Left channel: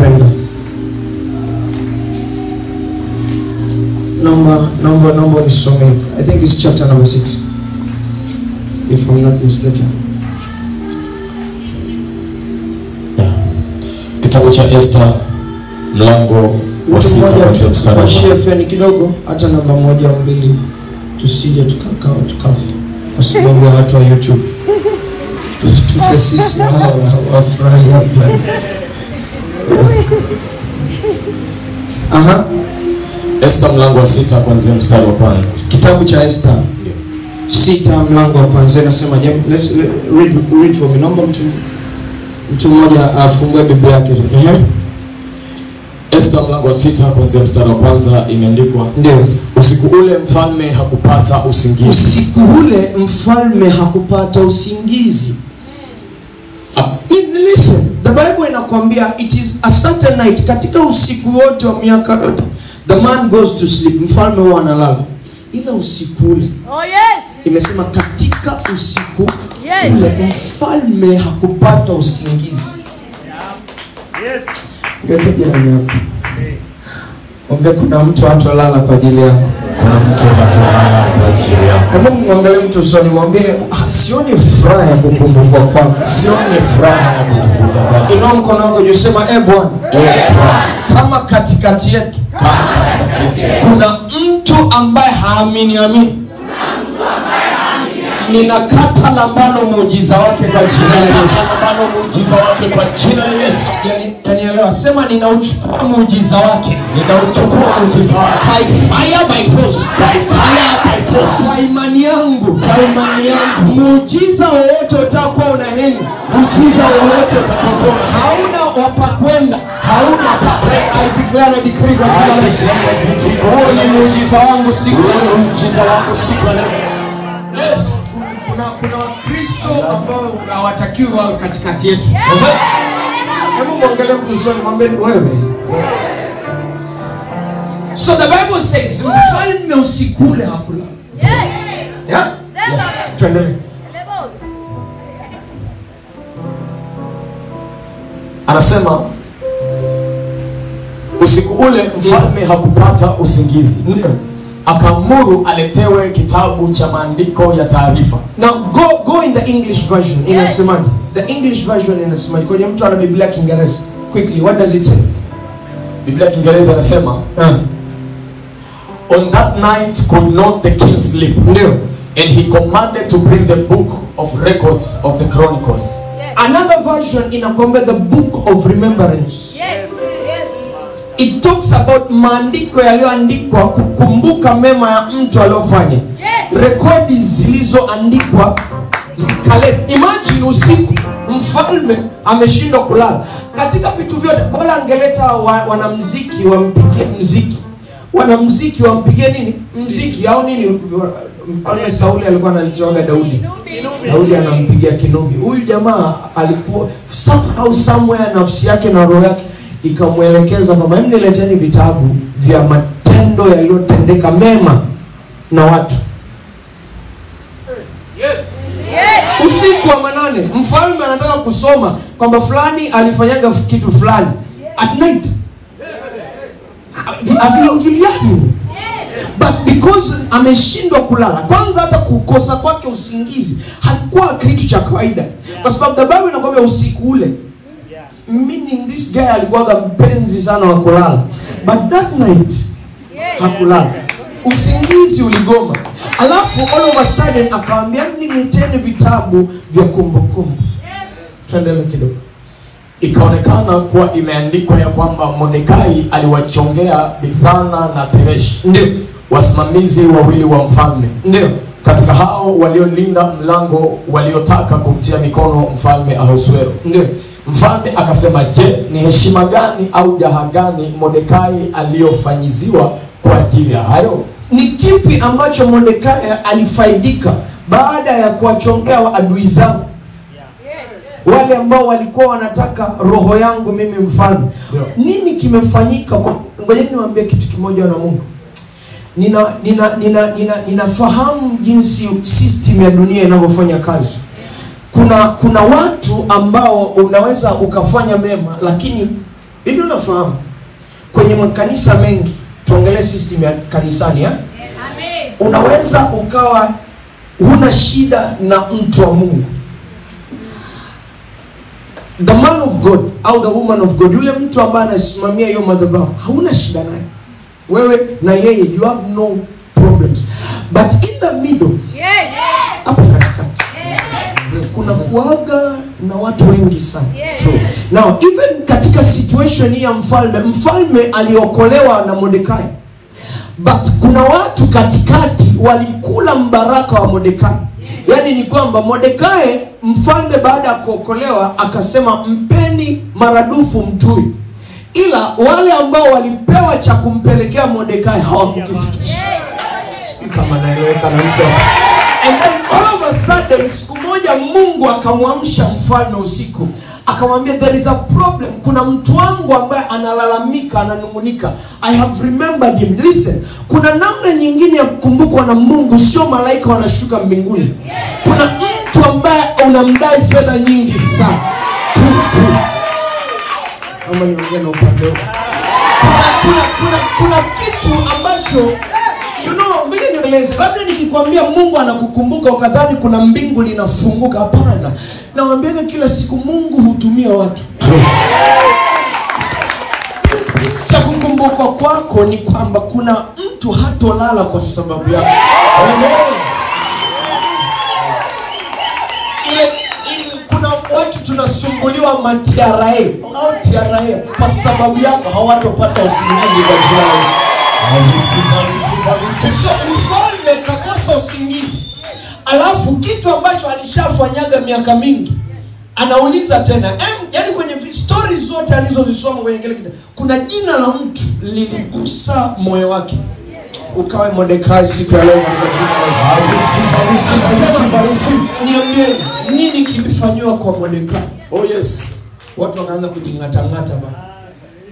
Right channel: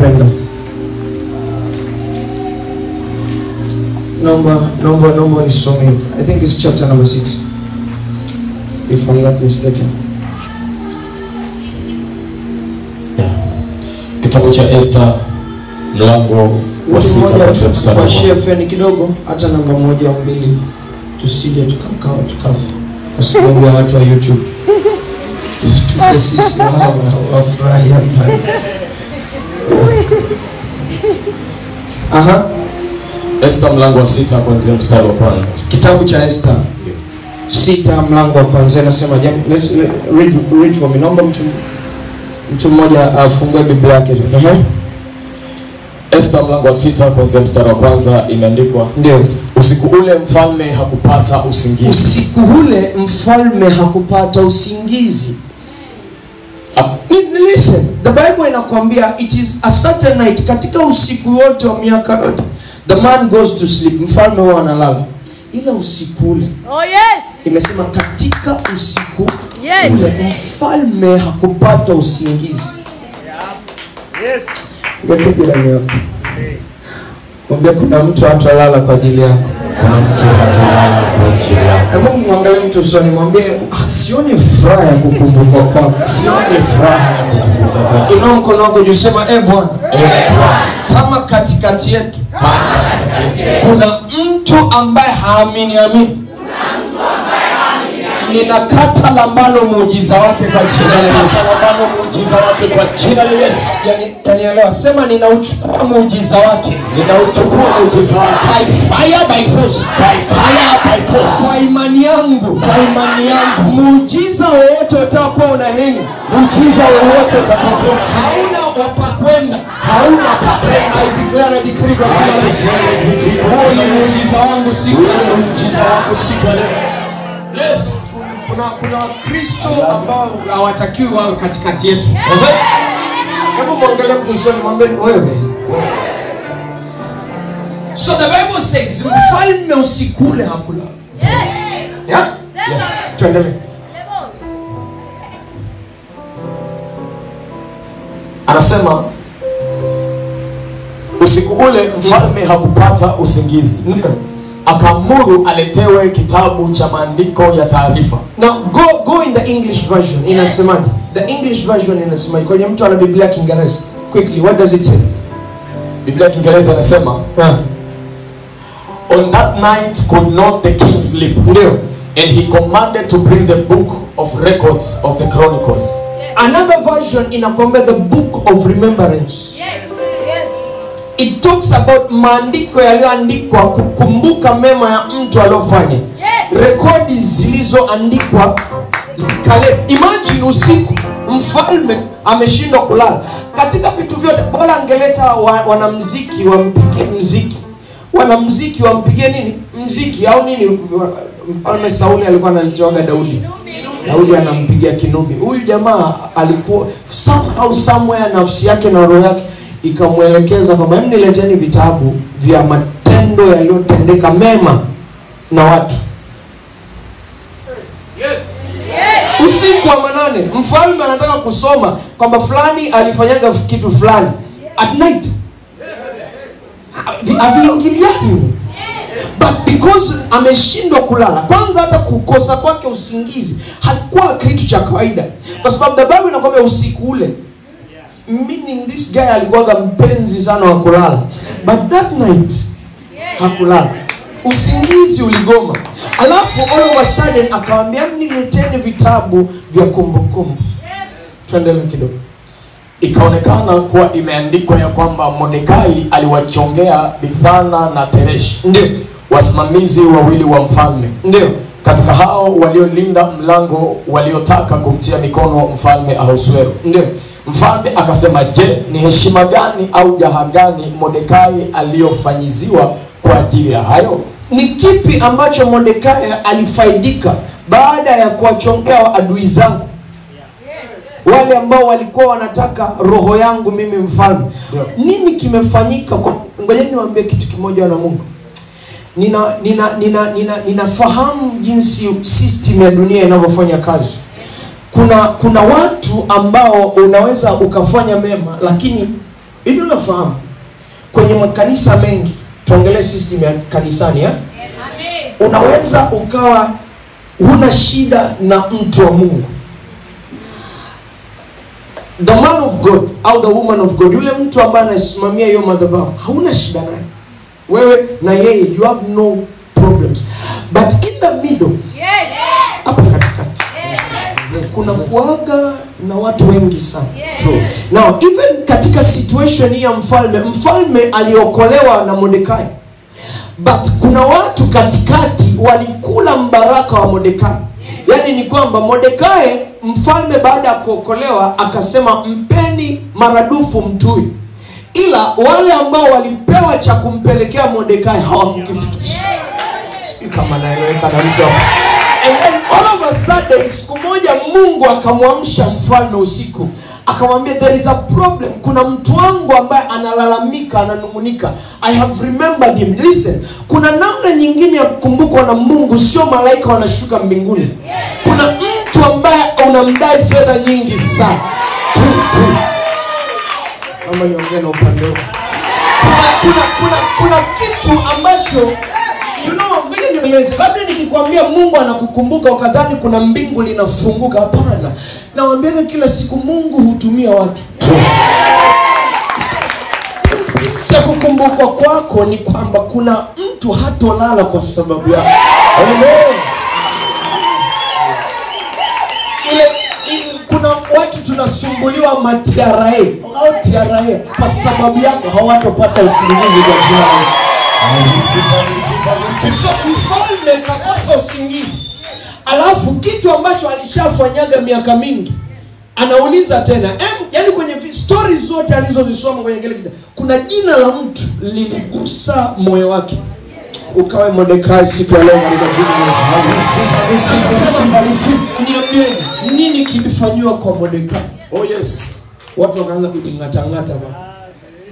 nakupenda. Number nisome. I think it's chapter number 6, if I'm not mistaken. Yeah. Kitabu cha Esther mlango wa 6 kwa shefeni kidogo hata namba 1 au 2 tusije tukakaa tukafa kwa sababu ya watu wa YouTube. Sisi wafurahi hapa. Aha. Esther mlango wa 6 kuanzia mstari wa kwanza. Kitabu cha Esther 6 mlango wa kwanza nasema, let's read for me. Naomba mtu mmoja afungue Biblia yake. Esther mlango wa 6 kuanzia mstari wa kwanza imeandikwa. Ndio. Usiku ule mfalme hakupata usingizi. Usiku ule mfalme hakupata usingizi. Listen, the Bible inakwambia it is a certain night, katika usiku wote wa miaka the man goes to sleep, mfalme huwa analala. Ila usiku ule, oh yes, imesema katika usiku ule mfalme hakupata usingizi. Yes. Ngoja jirani yako. Ombe kuna mtu atalala kwa ajili yako. Kuna mtu atalala kwa ajili yako. Hebu muangalie mtu usoni, mwambie sioni furaha ya kukumbukwa kwako. Sioni furaha ya kukumbukwa kwako. Inua mkono wako juu, sema Bwana, kama katikati yetu kuna mtu ambaye haamini ninakata lambano muujiza wake kwa jina la Yesu. Muujiza wake kwa jina la Yesu. Yanielewa, sema ninauchukua muujiza wake. Ninauchukua muujiza wake. By fire by force. By fire by force. Kwa imani yangu. Kwa imani yangu. Muujiza wowote utakuwa unahenga. Muujiza wowote utakuwa hauna wapa kwenda. Hauna pa kwenda. I declare a decree kwa jina la Yesu. Huo ni muujiza wangu siku ya muujiza wangu siku ya leo. Yes. Kuna Wakristo ambao hawatakiwi wawe katikati yetu. Hebu muangalie mtu usoni, mwambie wewe. So the Bible says mfalme usiku ule hakula. Yeah? Tuendelee. Anasema usiku ule mfalme hakupata usingizi. Ndio. Akaamuru aletewe kitabu cha maandiko ya taarifa. Now go in the English version. Inasemaje? The English version inasemaje? Kwa mtu ana Biblia Kiingereza. Quickly, what does it say? Biblia Kiingereza inasema, on that night could not the king sleep. Ndio. And he commanded to bring the book of records of the chronicles. Another version inakwambia the book of remembrance. Yes. It talks about maandiko yaliyoandikwa kukumbuka mema ya mtu aliyofanya. Yes. Rekodi zilizoandikwa zikale. Imagine usiku mfalme ameshindwa kulala. Katika vitu vyote bora angeleta wanamuziki wampige muziki. Wanamuziki wampige nini? Muziki au nini? Mfalme Sauli alikuwa analitoaga Daudi. Daudi anampigia kinubi. Huyu jamaa alikuwa somewhere nafsi yake na roho yake ikamwelekeza mama, nileteni vitabu vya matendo yaliyotendeka mema na watu. Yes. Usiku wa manane mfalme anataka kusoma kwamba fulani alifanyaga kitu fulani at night. Haviingiliani. But because ameshindwa kulala, kwanza hata kukosa kwake usingizi hakuwa kitu cha kawaida, kwa sababu the Bible inakwambia usiku ule, meaning this guy alikuwa mpenzi sana wa kulala, but that night hakulala, usingizi uligoma. Alafu all of a sudden akawaambia nileteni vitabu vya kumbukumbu. Tuendelee kidogo. Ikaonekana kuwa imeandikwa ya kwamba Mordekai aliwachongea Bigthana na Tereshi, ndio wasimamizi wawili wa mfalme, ndio katika hao waliolinda mlango waliotaka kumtia mikono mfalme Ahasuero. Ndio. Mfalme akasema, je, ni heshima gani au jaha gani Mordekai aliyofanyiziwa kwa ajili ya hayo? Ni kipi ambacho Mordekai alifaidika baada ya kuwachongea adui zangu? Wale ambao walikuwa wanataka roho yangu mimi mfalme. Yeah. Nini kimefanyika? Ngoja niwaambie kitu kimoja na Mungu. Ninafahamu jinsi system ya dunia inavyofanya kazi. Kuna watu ambao unaweza ukafanya mema lakini Hivi unafahamu kwenye makanisa mengi, tuangalie system ya kanisani ya? Unaweza ukawa huna shida na mtu wa Mungu, the man of God au the woman of God, yule mtu ambaye anasimamia hiyo madhabahu, hauna shida naye, wewe na yeye, you have no problems. But in the middle, hapo katikati, kuna kuaga na watu wengi sana. Now even katika situation hii ya mfalme aliokolewa na Mordekai, but kuna watu katikati walikula mbaraka wa Mordekai. Yani ni kwamba Mordekai, mfalme baada ya kuokolewa akasema mpeni maradufu mtu huyu, ila wale ambao walipewa cha kumpelekea Mordekai hawakukifikisha. Kama naeleweka na mtu hapo. And then all of a sudden, siku moja Mungu akamwamsha mfalme usiku, akamwambia there is a problem, kuna mtu wangu ambaye analalamika, ananungunika. I have remembered him. Listen, kuna namna nyingine ya kukumbukwa na Mungu, sio malaika wanashuka mbinguni. Kuna mtu ambaye unamdai fedha nyingi sana. Kama niongea na upande. Kuna kitu ambacho mimi nieleze, labda nikikwambia Mungu anakukumbuka ukadhani kuna mbingu linafunguka. Hapana. Naambia kila siku Mungu hutumia watu. Sasa kukumbuka kwako ni kwamba kuna mtu hatolala kwa sababu yako. Amen. Kuna watu tunasumbuliwa matiara au tiara kwa sababu yako, hawatopata usingizi kwa jana. Mfalme kakosa usingizi, alafu kitu ambacho alishafanyaga miaka mingi anauliza tena. Yani kwenye stories zote alizozisoma kwenye kile kitabu, kuna jina la mtu liligusa moyo wake. Ukawe Mordekai siku ya leo katika jina la Yesu. Nini kilifanywa kwa Mordekai? Oh yes. Watu wakaanza kujingata-ngata bana.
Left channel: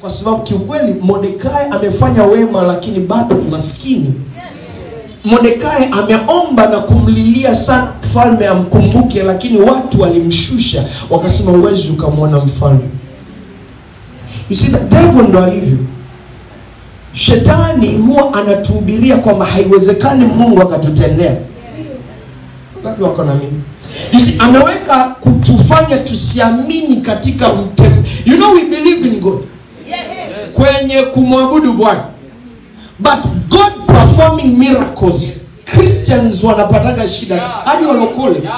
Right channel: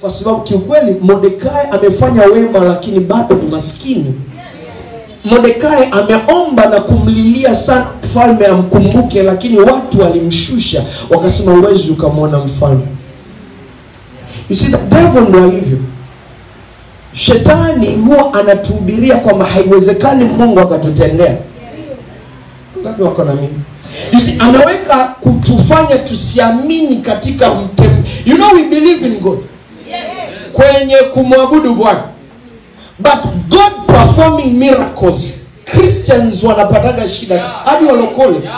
Kwa sababu kiukweli Mordekai amefanya wema, lakini bado ni maskini. Mordekai ameomba na kumlilia sana mfalme amkumbuke, lakini watu walimshusha, wakasema uwezi ukamwona mfalme. You see, the devil ndo alivyo. Shetani huwa anatuhubiria kwamba haiwezekani Mungu akatutendea. Ngapi wako na mimi? You see, anaweka kutufanya tusiamini katika you know, we believe in God. Kwenye kumwabudu Bwana, but God performing miracles, Christians wanapataga shida hadi walokole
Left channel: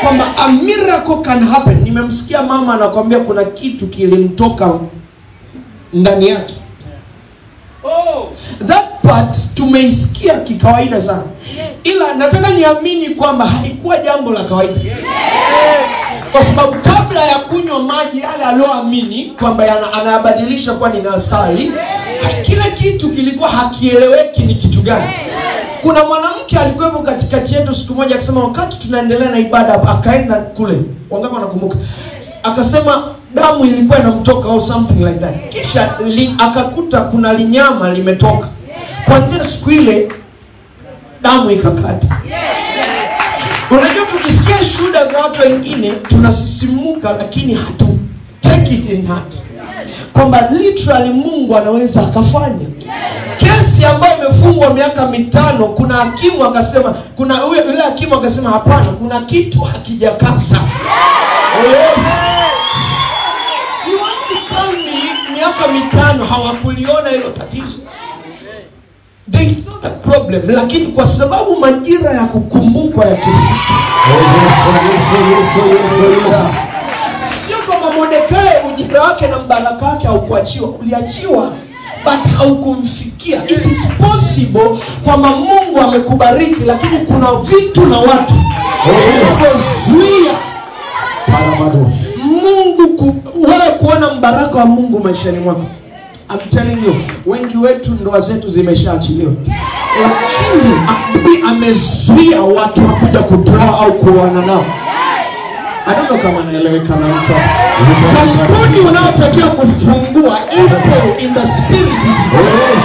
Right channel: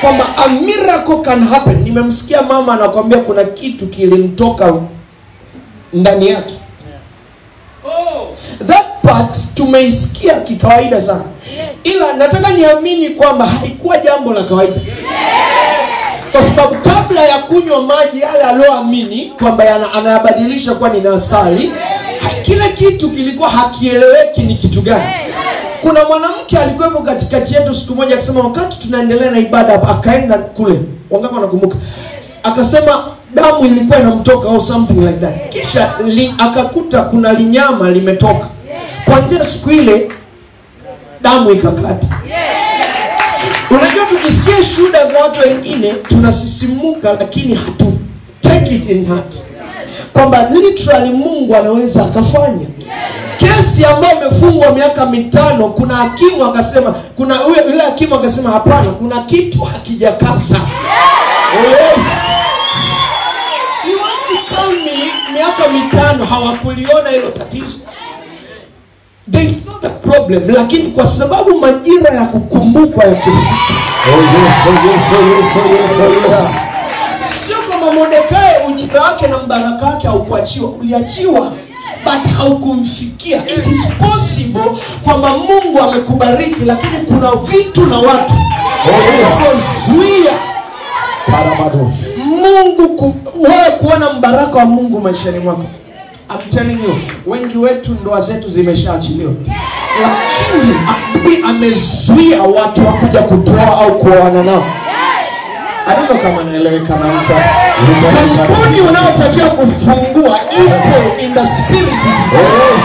kwamba a miracle can happen. Nimemsikia mama anakuambia kuna kitu kilimtoka ndani yake. That part tumeisikia kikawaida sana, ila nataka niamini kwamba haikuwa jambo la kawaida. Kwa sababu kabla ya kunywa maji yale aloamini kwamba anayabadilisha kwa ni asali, kila kitu kilikuwa hakieleweki ni kitu gani. Kuna mwanamke alikuwepo katikati yetu siku moja akasema wakati tunaendelea na ibada, akaenda kule, wangapi wanakumbuka, akasema damu ilikuwa inamtoka au something like that. Kisha akakuta kuna linyama limetoka. Kwa njia siku ile damu ikakata. Unajua tukisikia shuhuda za watu wengine tunasisimuka, lakini hatu take it in heart kwamba literally Mungu anaweza akafanya. Kesi ambayo imefungwa miaka 5, kuna hakimu akasema, kuna yule hakimu akasema hapana, kuna kitu hakijakasa. Yes. You want to tell me miaka 5 hawakuliona hilo tatizo? They saw the problem, lakini kwa sababu majira ya kukumbuka yakifika. Sio kama Mordekai ujira wake na mbaraka wake haukuachiwa, uliachiwa but haukumfikia. It is possible kwamba Mungu amekubariki, lakini kuna vitu na watu zuia Mungu wewe kuona mbaraka wa Mungu maishani mwako. I'm telling you, wengi wetu ndoa zetu zimeshaachiliwa, lakini amezuia watu wakuja kutoa au kuoana nao. Adiko kama nieleweka na mtu. Kampuni unayotakiwa kufungua ipo in the spirit. Yes.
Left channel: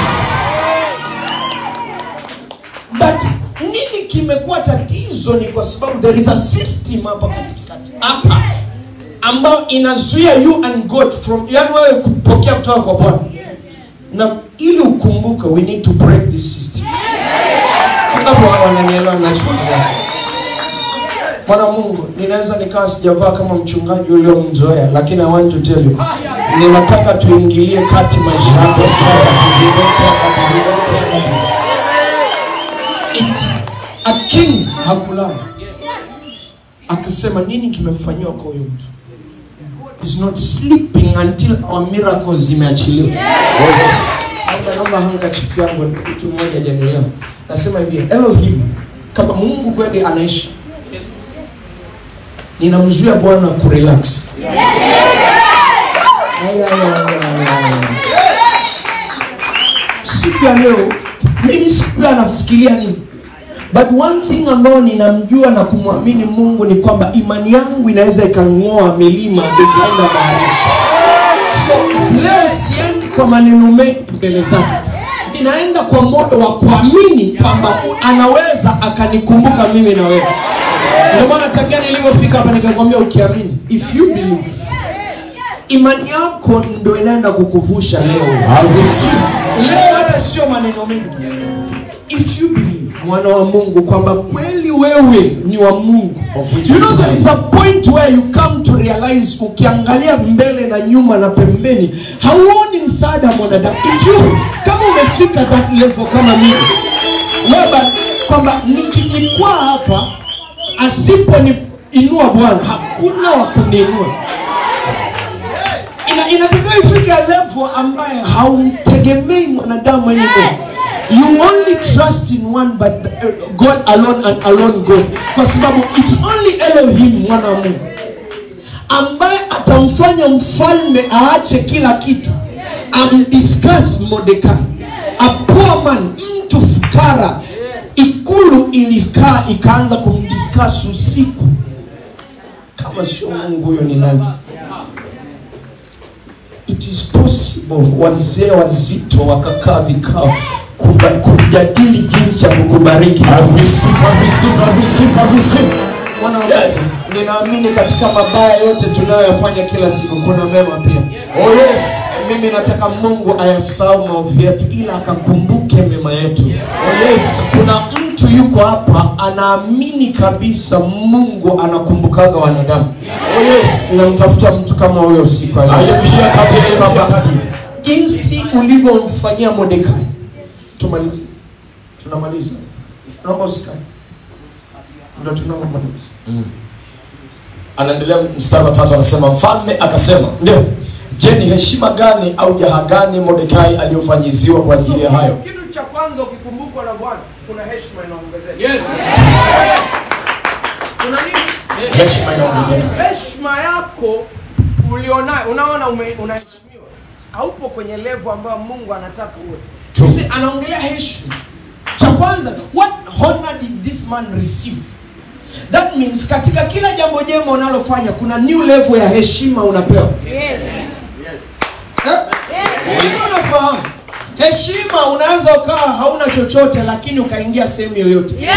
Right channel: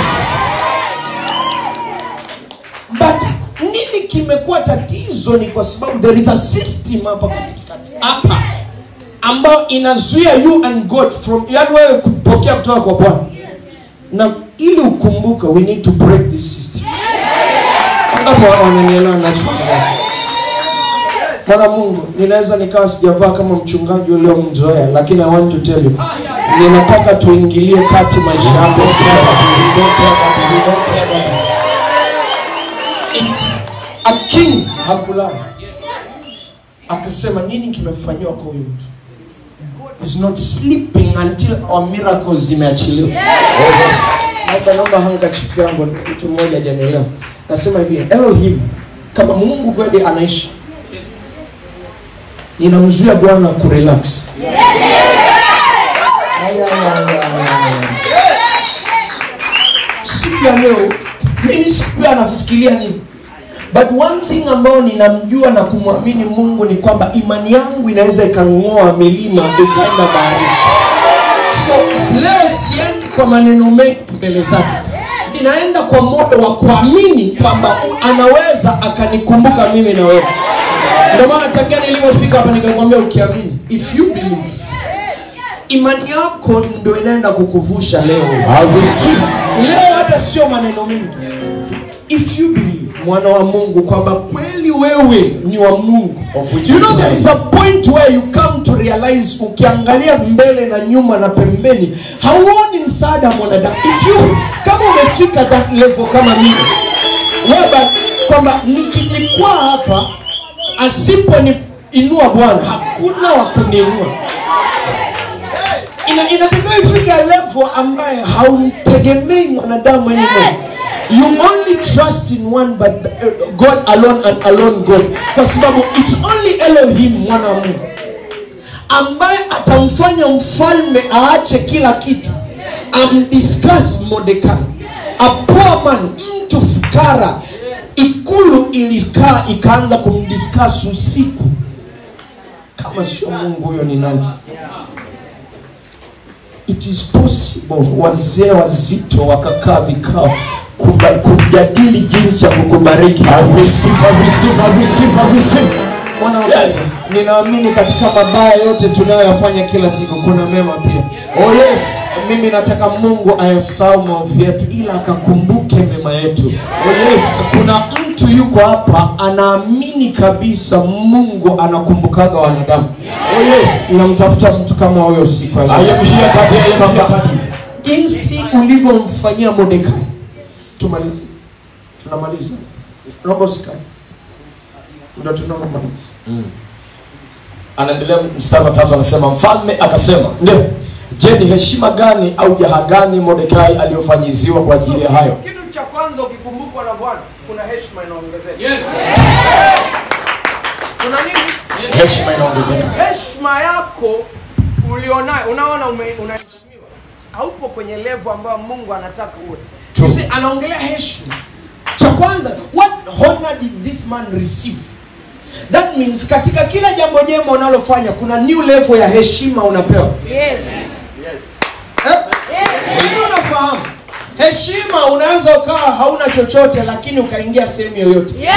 But nini kimekuwa tatizo ni kwa sababu there is a system hapa katikati. Hapa ambao inazuia you and God from, yani wewe kupokea kutoka kwa Bwana. Na ili ukumbuke, we need to break this system. Ndipo wananielewa ninachoongea. Bwana Mungu, ninaweza nikawa sijavaa kama mchungaji uliomzoea, lakini I want to tell you, ninataka tuingilie kati maisha yako. A king hakulala. Akasema nini kimefanywa kwa huyu mtu? Is not sleeping until our miracles zimeachiliwa. Naomba handkerchief yangu, mtu mmoja hajanielewa. Nasema hivi, Elohim, kama Mungu kweli anaishi, ninamzuia Bwana kurelax. Siku ya leo, mimi siku ya nafikiria nini? But one thing ambayo ninamjua na kumwamini Mungu ni kwamba imani yangu inaweza ikang'oa milima ikaenda bahari. So leo siendi kwa maneno mengi mbele zake. Ninaenda kwa moyo wa kuamini kwamba anaweza akanikumbuka mimi na wewe. Ndio maana tangia nilipofika hapa nikakwambia ukiamini, if you believe, imani yako ndio inaenda kukuvusha leo. Leo hata sio maneno mengi. If you believe, mwana wa Mungu, kwamba kweli wewe ni wa Mungu. You know there is a point where you come to realize, ukiangalia mbele na nyuma na pembeni, hauoni msaada wa mwanadamu. If you, kama umefika that level kama mimi, wewe kwamba nikilikuwa hapa asiponiinua Bwana, hakuna wa kuniinua. Inatakiwa ifike level ambaye haumtegemei mwanadamu anymore. You only trust in one, but God alone and alone God. Kwa sababu it's only Elohim, mwana wa Mungu, ambaye atamfanya mfalme aache kila kitu, discuss Mordekai. A poor man, mtu fukara, ikulu ilikaa ikaanza kumdiscuss usiku. Kama sio Mungu, huyo ni nani? It is possible wazee wazito wakakaa vikao kujadili jinsi ya kukubariki. Yes. Ninaamini katika mabaya yote tunayoyafanya kila siku kuna mema pia. Oh yes. Mimi nataka Mungu ayasahau maovu yetu ila akakumbuke mema yetu. Oh yes. Kuna mtu yuko hapa anaamini kabisa Mungu anakumbukaga wanadamu. Oh yes. Namtafuta mtu kama wewe usiku wa leo. Jinsi ulivyomfanyia Mordekai. Tunamaliza. Naomba usikae. Ndio tunamaliza. Anaendelea mstari wa 3 anasema, mfalme akasema, ndio, je, ni heshima gani au jaha gani Mordekai aliyofanyiziwa kwa ajili ya hayo? Kitu cha kwanza ukikumbukwa na Bwana, kuna heshima inaongezeka. Yes. Kuna nini? Heshima inaongezeka. Heshima yako ulionayo, unaona unaheshimiwa. Haupo kwenye level ambayo Mungu anataka uwe. Sisi anaongelea heshima. Cha kwanza, what honor did this man receive? That means katika kila jambo jema unalofanya kuna new level ya heshima unapewa. Yes. Yes. Unafahamu? Heshima unaweza ukaa hauna chochote lakini ukaingia sehemu yoyote. Yes.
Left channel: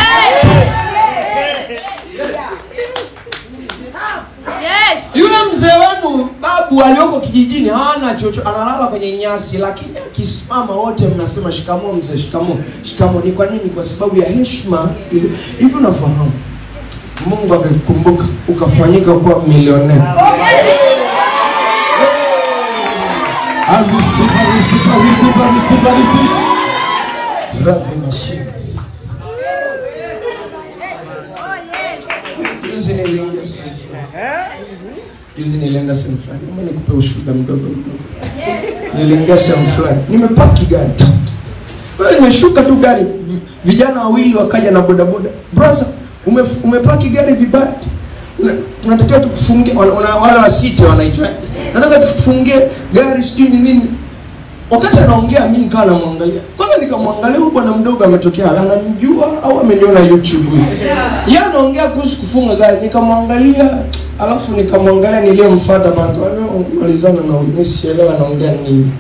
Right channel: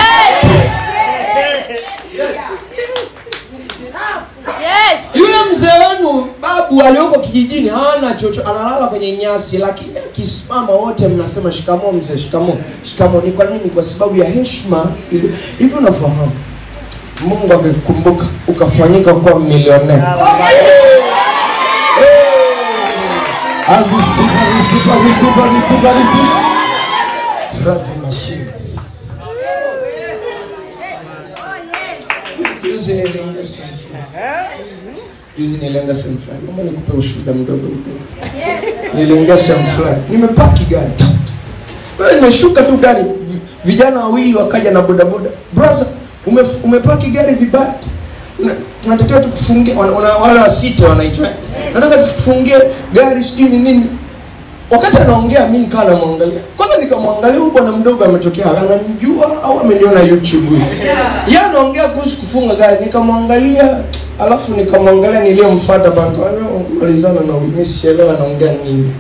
Yule mzee wenu babu aliyoko kijijini hana chochote, analala kwenye nyasi, lakini akisimama wote mnasema shikamoo mzee, shikamoo. Shikamoo ni kwa nini? Kwa sababu ya heshima. Hivyo unafahamu? Mungu amekukumbuka ukafanyika kuwa milionea. Juzi nilienda sehemu fulani. Mama nikupe ushuhuda mdogo. Nilienda sehemu fulani. Nimepaki gari. Nimeshuka tu gari. Vijana wawili wakaja na bodaboda. Brother, umepaki gari vibaya. Tunatakiwa tukufungie, wala wasita wanaitwa. Nataka tukufungie gari sijui ni nini. Wakati anaongea mimi nikaa namwangalia. Kwanza nikamwangalia huyu bwana mdogo ametokea, ananijua au ameniona YouTube. Yeye anaongea kuhusu kufunga gari, nikamwangalia, alafu nikamwangalia niliyomfuata bwana, malizana na mimi sielewa anaongea nini.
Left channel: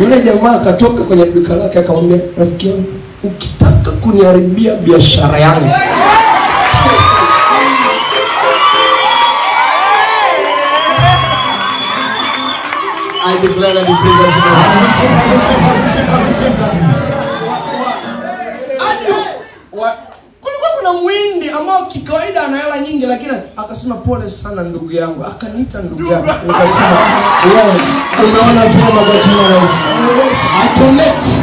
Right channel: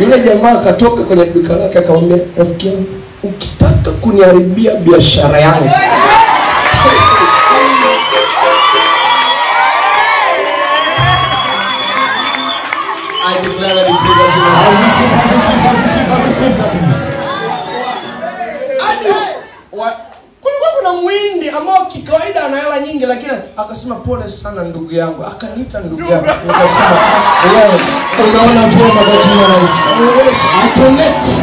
Yule jamaa akatoka kwenye duka lake akamwambia, rafiki yangu, ukitaka kuniharibia biashara yangu declare that the presence of God. Kulikuwa kuna mwindi ambao kikawaida ana hela nyingi, lakini akasema pole sana ndugu yangu, akaniita ndugu yangu. Akasema wewe unaona vyema kwa jina la Yesu. Atolete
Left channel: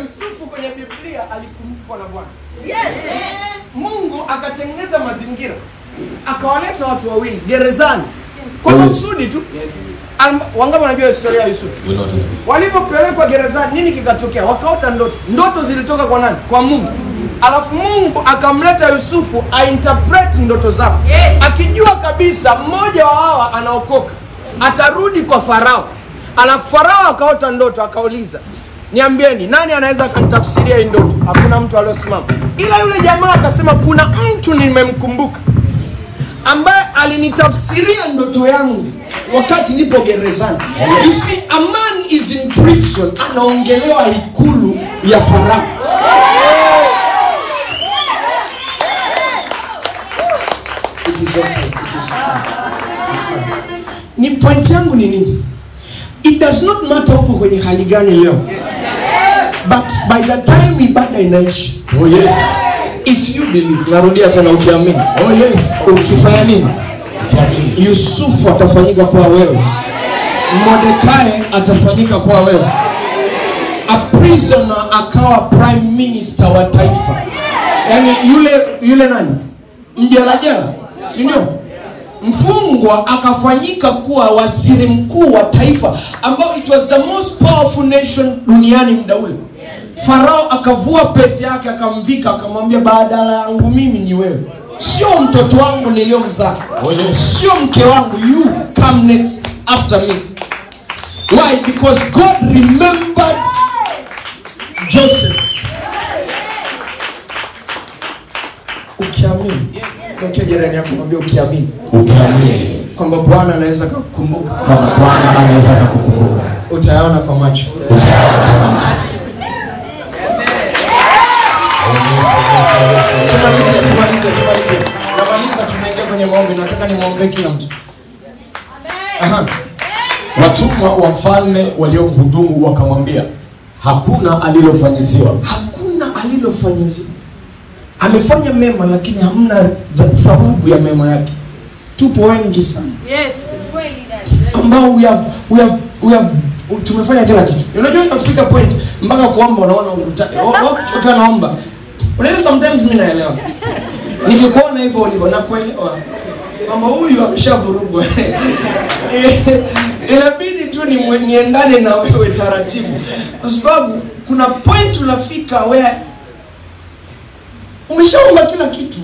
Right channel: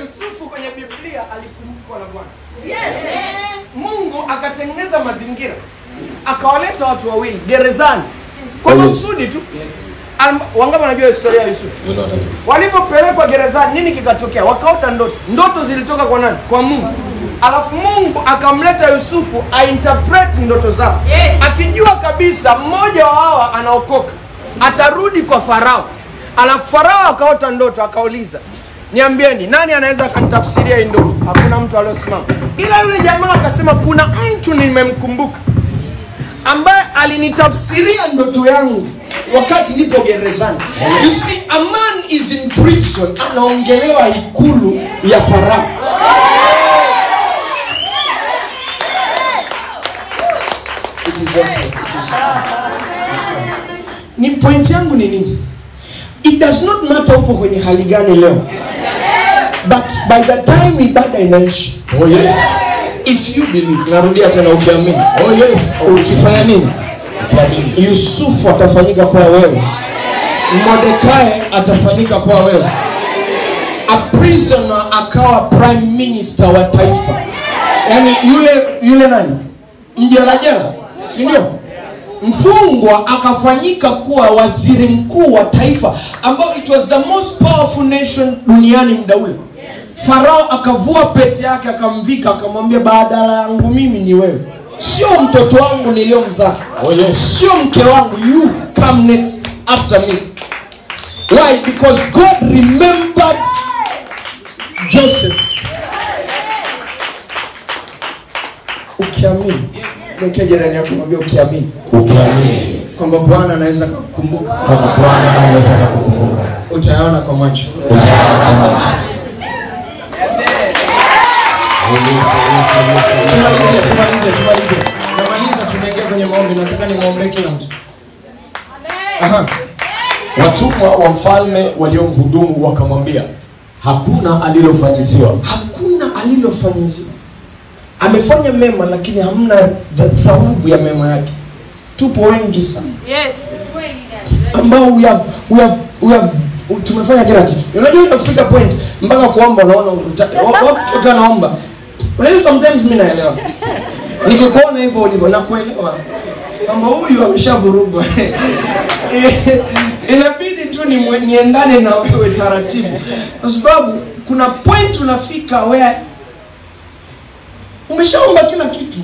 Yusufu kwenye Biblia alikumbukwa na Bwana. Mungu akatengeneza mazingira, akawaleta watu wawili gerezani kwa makusudi tu. Wangapi wanajua historia ya Yusufu? Walipopelekwa gerezani, nini kikatokea? Wakaota ndoto. Ndoto zilitoka kwa nani? Kwa Mungu. Alafu Mungu akamleta Yusufu ainterpret ndoto zao, akijua kabisa mmoja wa hawa anaokoka, atarudi kwa Farao. Alafu Farao akaota ndoto, akauliza, niambieni nani anaweza kanitafsiria hii ndoto? Hakuna mtu aliyosimama, ila yule jamaa akasema, kuna mtu nimemkumbuka ambaye alinitafsiria ndoto yangu wakati nipo gerezani. You see, a man is in prison, anaongelewa ikulu ya Farao. It is okay. It is okay. Ni point yangu ni nini? It does not matter upo kwenye hali gani leo, but by the time ibada inaishi, oh yes, if you believe, narudia tena, ukiamini, oh yes, ukifanya nini? ukiamini, Yusufu atafanyika kwa wewe, Mordekai atafanyika kwa wewe, a prisoner akawa prime minister wa taifa. Yani yule nani? Mjelajela, si ndio? Mfungwa akafanyika kuwa waziri mkuu wa taifa, ambao it was the most powerful nation duniani muda ule. Farao akavua pete yake akamvika, akamwambia, badala yangu mimi ni wewe, sio mtoto wangu niliyomzaa, sio mke wangu, you come next after me. Why? Because God remembered Joseph. Ukiamini, ndio jirani yako mwambie ukiamini. ukiamini Kwamba Bwana anaweza kukukumbuka. kama Bwana anaweza kukukumbuka, Utayaona kwa macho. utayaona kama mtu. Namaliza, tuelekee kwenye maombi. Nataka nimwombee kila mtu. Aha. Watumwa wa mfalme waliomhudumu wakamwambia, hakuna alilofanyiziwa. Hakuna alilofanyiziwa. Amefanya mema, lakini hamna thawabu ya mema yake. Tupo wengi sana. Yes. Ambao we have tumefanya kila kitu. Unajua inafika point mpaka kuomba unaona unataka. Wapi naomba? Unaweza sometimes mimi naelewa. Nikikuona hivyo ulivyo na kuelewa kwamba huyu ameshavurugwa. Inabidi tu niendane na wewe taratibu. Kwa sababu kuna point unafika where umeshaomba kila kitu.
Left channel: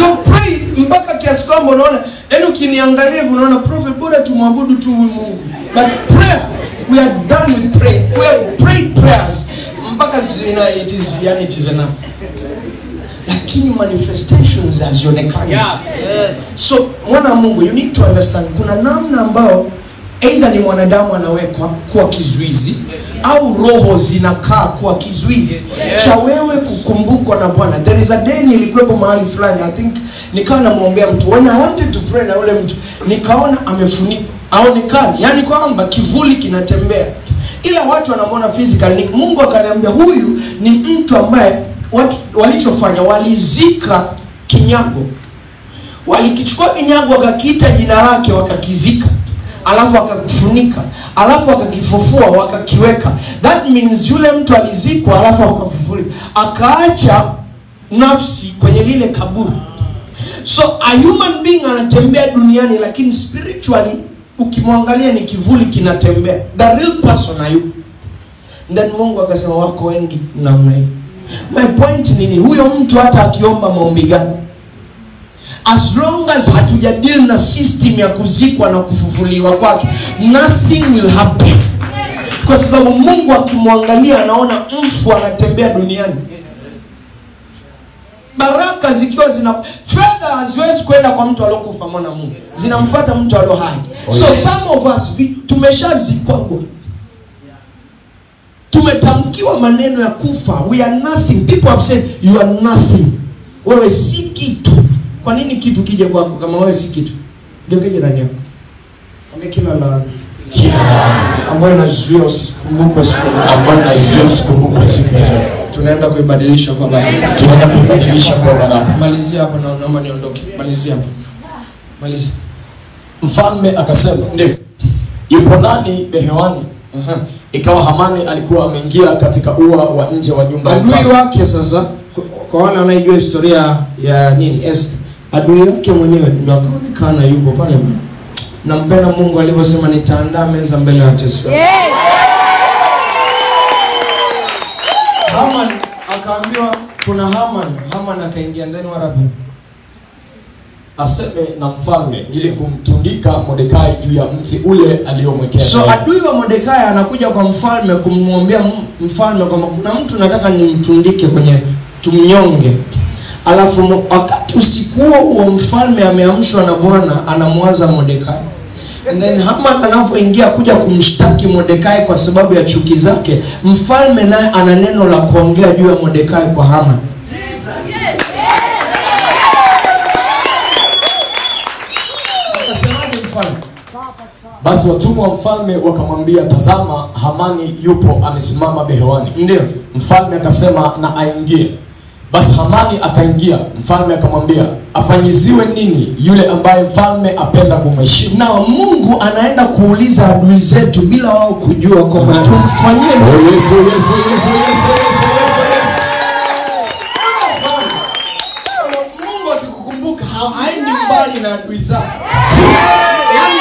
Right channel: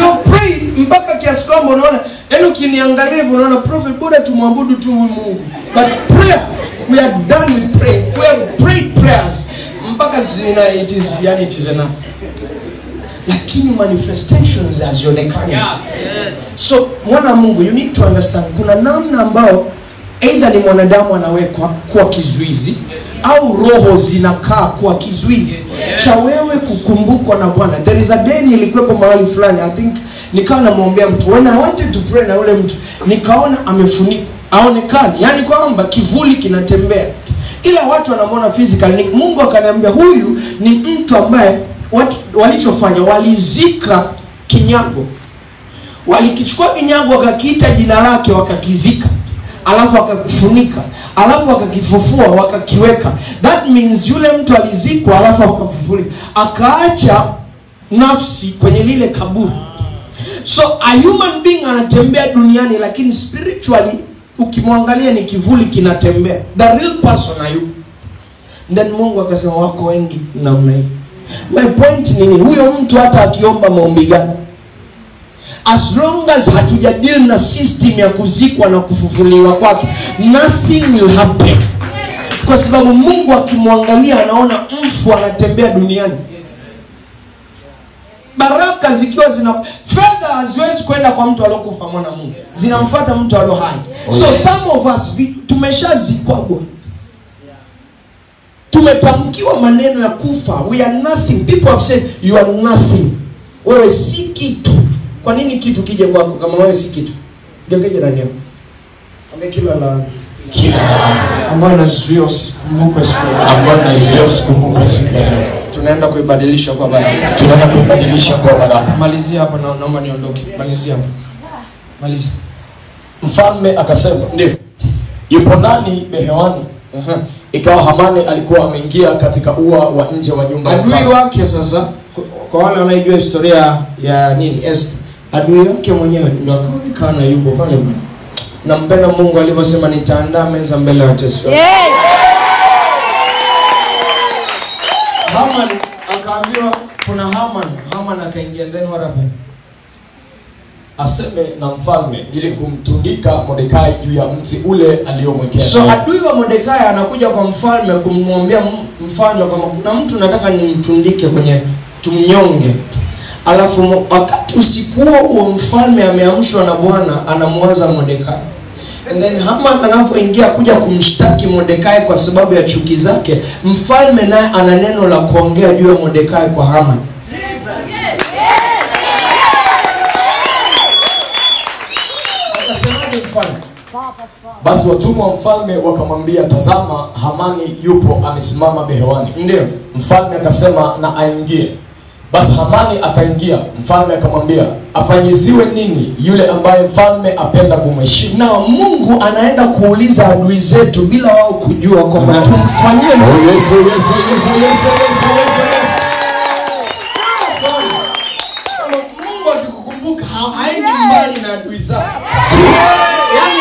You pray mpaka kiasi kwamba unaona, yaani ukiniangalia hivyo unaona, prophet, bora tumwabudu tu Mungu. But prayer, we are done with prayer. We have prayed prayers mpaka it is enough. Lakini manifestations hazionekani. So mwana Mungu, you need to understand, kuna namna ambao either ni mwanadamu anawekwa kuwa kizuizi, au roho zinakaa kuwa kizuizi cha wewe kukumbukwa na Bwana. There is a day nilikuwepo mahali fulani, I think nikawa namwombea mtu, when I wanted to pray na yule mtu, nikaona amefunikwa, aonekani, yani kwamba kivuli kinatembea, ila watu wanamwona physical. Mungu akaniambia, huyu ni mtu ambaye watu walichofanya, walizika kinyago, walikichukua kinyago wakakiita jina lake wakakizika, alafu akakifunika, alafu akakifufua wakakiweka. That means yule mtu alizikwa alafu akafufuliwa, akaacha nafsi kwenye lile kaburi. So a human being anatembea duniani, lakini spiritually ukimwangalia ni kivuli kinatembea. The real person hayupo. Then Mungu akasema, wako wengi namna hii. My point ni huyo mtu hata akiomba maombi gani, as long as hatujadili na system ya kuzikwa na kufufuliwa kwake, nothing will happen. Kwa sababu Mungu akimwangalia anaona mfu anatembea duniani. Baraka zikiwa fedha haziwezi kwenda kwa mtu aliyokufa, mwana Mungu, zinamfuata mtu aliye hai. So some of us tumeshazikwa. tumetamkiwa maneno ya kufa. We are nothing. People have said you are nothing. Wewe si kitu. Kwa nini kitu kije kwako kama wewe si kitu? Ndio nani hapo? Amekila la ambayo nazuia usikumbuke siku ambayo nazuia usikumbuke siku leo. Tunaenda kuibadilisha kwa baraka. Tunaenda kuibadilisha kwa baraka. Malizia hapa na naomba niondoke. Malizia hapa. Malizia. Mfalme akasema, ndio. Yupo nani behewani? Ikawa Hamani alikuwa ameingia katika ua wa nje wa nyumba. Adui wake sasa, kwa wale wanaojua historia ya nini Esther, adui wake mwenyewe ndio akaonekana yupo pale. Na mpenda Mungu alivyosema nitaandaa meza mbele ya watesi wako. Haman akaambiwa kuna Haman akaingia ndani marabu. Aseme na mfalme ili kumtundika Mordekai juu ya mti ule aliyomwekea. So adui wa Mordekai anakuja kwa mfalme kumwambia mfalme kama kuna mtu nataka nimtundike kwenye tumnyonge. Alafu wakati usiku huo mfalme ameamshwa na Bwana anamwaza Mordekai. And then Haman anapoingia kuja kumshtaki Mordekai kwa sababu ya chuki zake, mfalme naye ana neno la kuongea juu ya Mordekai kwa Haman. Basi watumwa wa mfalme wakamwambia, tazama Hamani yupo amesimama behewani. Ndio. Mfalme akasema na aingie. Basi Hamani akaingia. Mfalme akamwambia, afanyiziwe nini yule ambaye mfalme apenda kumheshimu? Na Mungu anaenda kuuliza adui zetu bila wao kujua kwamba tumfanyie. Oh yes, oh yes, oh yes, oh yes, oh yes, Mungu akikukumbuka haendi mbali na adui zako. Yaani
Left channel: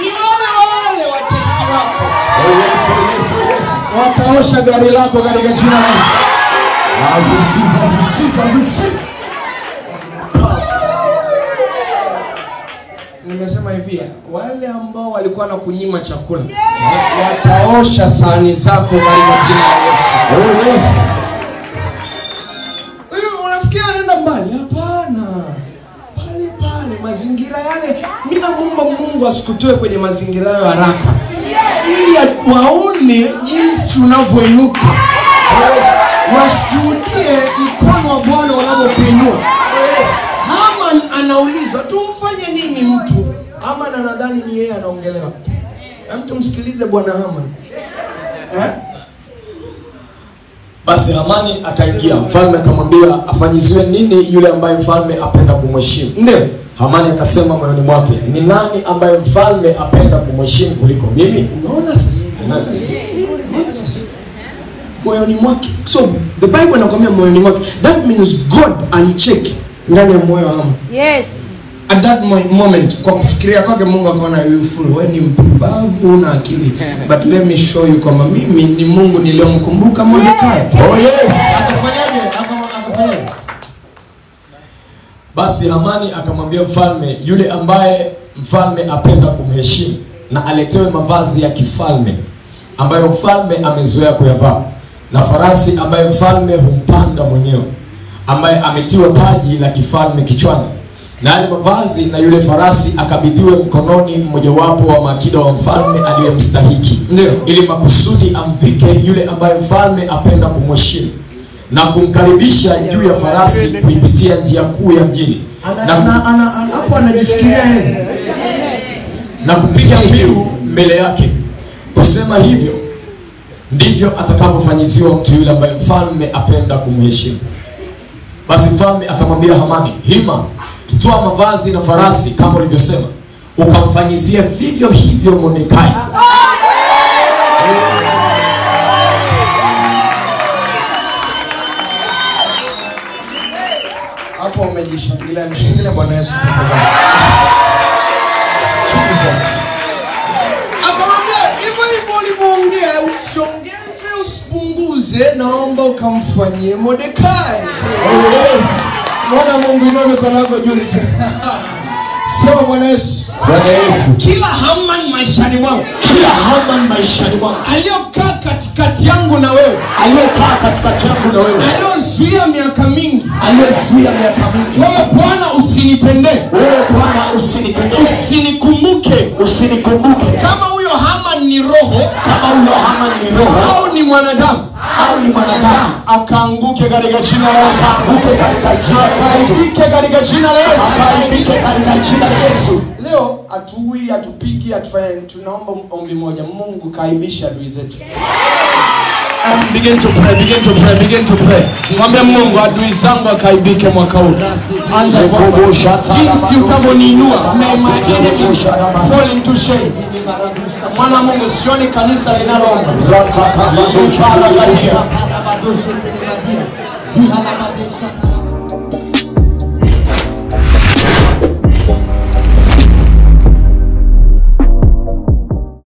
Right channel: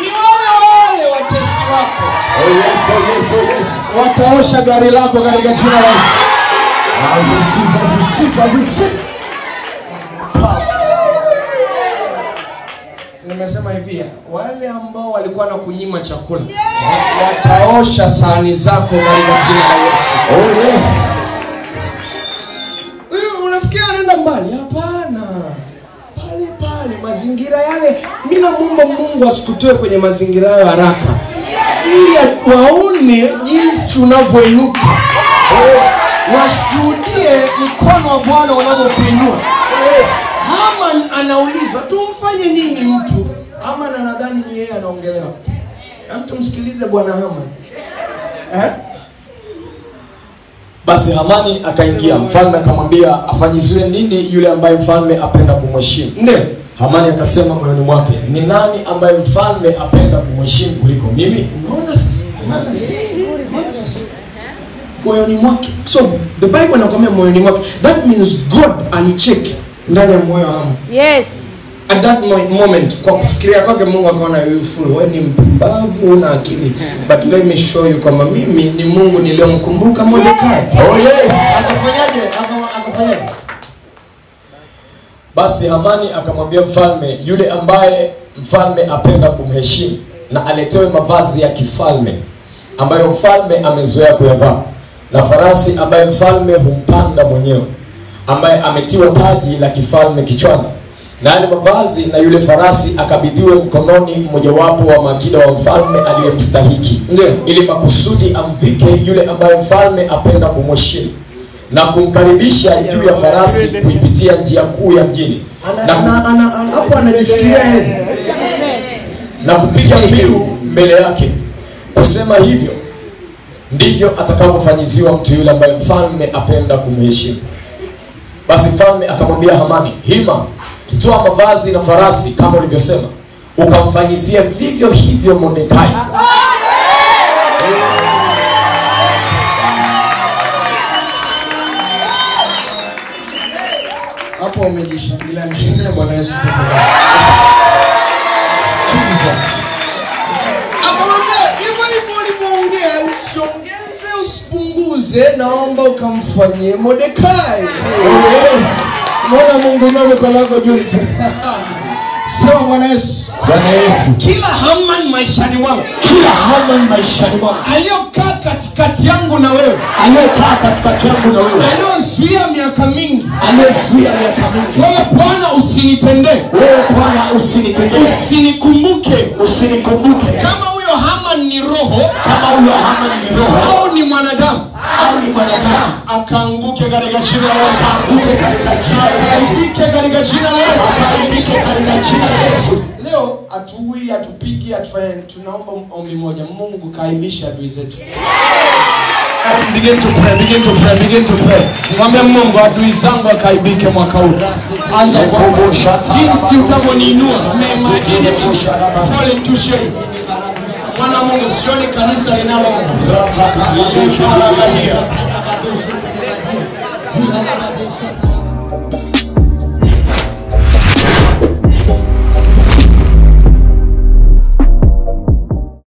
ni wale watesi wako. Oh yes, oh yes, oh yes. Wataosha gari lako katika jina la Yesu. Nimesema hivi, wale ambao walikuwa na kunyima chakula wataosha sahani zako katika jina la Yesu. Oh yes. Wewe unafikia nenda mbali? Hapana. Pale mazingira yale, mimi naomba Mungu asikutoe kwenye mazingira ya haraka. Ili waone jinsi unavyoinuka. Yes. Washuhudie mkono wa Bwana unavyokuinua. Yes. Haman anaulizwa tumfanye nini mtu? Haman anadhani ni yeye anaongelewa. Mtu msikilize Bwana Haman. Basi Hamani akaingia. Mfalme akamwambia, afanyiziwe nini yule ambaye mfalme apenda kumheshimu? Ndio. Hamani akasema moyoni mwake, ni nani ambaye mfalme apenda kumheshimu kuliko mimi? Unaona sasa? Moyoni mwake. So the Bible inakwambia moyoni mwake. That means God alicheck ndani ya moyo wa Haman. Yes. At that moment, kwa kufikiria kwake Mungu akaona you fool, wewe ni mpumbavu na akili. But let me show you kwamba mimi ni Mungu niliyomkumbuka Mordekai. Oh yes. Akafanyaje? Basi Hamani akamwambia mfalme, yule ambaye mfalme apenda kumheshimu na aletewe mavazi ya kifalme ambayo mfalme amezoea kuyavaa, na farasi ambaye mfalme humpanda mwenyewe, ambaye ametiwa taji la kifalme kichwani, na yale mavazi na yule farasi akabidhiwe mkononi mmojawapo wa maakida wa mfalme aliyemstahiki, ili makusudi amvike yule ambaye mfalme apenda kumheshimu na kumkaribisha juu ya farasi kuipitia njia kuu ya mjini, hapo anajifikiria yeye na kupiga mbiu mbele yake, kusema hivyo ndivyo atakavyofanyiziwa mtu yule ambaye mfalme apenda kumheshimu. Basi mfalme akamwambia Hamani, hima, toa mavazi na farasi kama ulivyosema, ukamfanyizie vivyo hivyo Mordekai. hapo umejishangilia. Mshangilie Bwana Yesu tafadhali. Jesus. Akamwambia hivyo ulivyoongea, usiongeze usipunguze, naomba ukamfanyie Mordekai. Yes. Mbona Mungu ndio mkono wako juu? Sema Bwana Yesu. Bwana Yesu. Kila Haman maishani mwangu, kila Haman maishani mwangu aliyokaa katikati yangu na wewe, aliyokaa katikati yangu na wewe, aliyozuia miaka mingi, aliyozuia miaka mingi, wewe Bwana usinitendee, wewe Bwana usinitendee, usinikumbuke, usinikumbuke. Kama huyo Haman ni roho, kama huyo ama ni roho au ni mwanadamu, akaanguke katika jina la Yesu. Akaanguke katika jina la Yesu. Leo atuui, atupigi, atufanye. Tunaomba ombi moja, Mungu kaibisha adui zetu. Begin to pray. Mwambie Mungu adui zangu akaibike mwaka huu. Anza kukumbusha jinsi utavoniinua. Fall into shame. Mwana Mungu, sioni kanisa linalo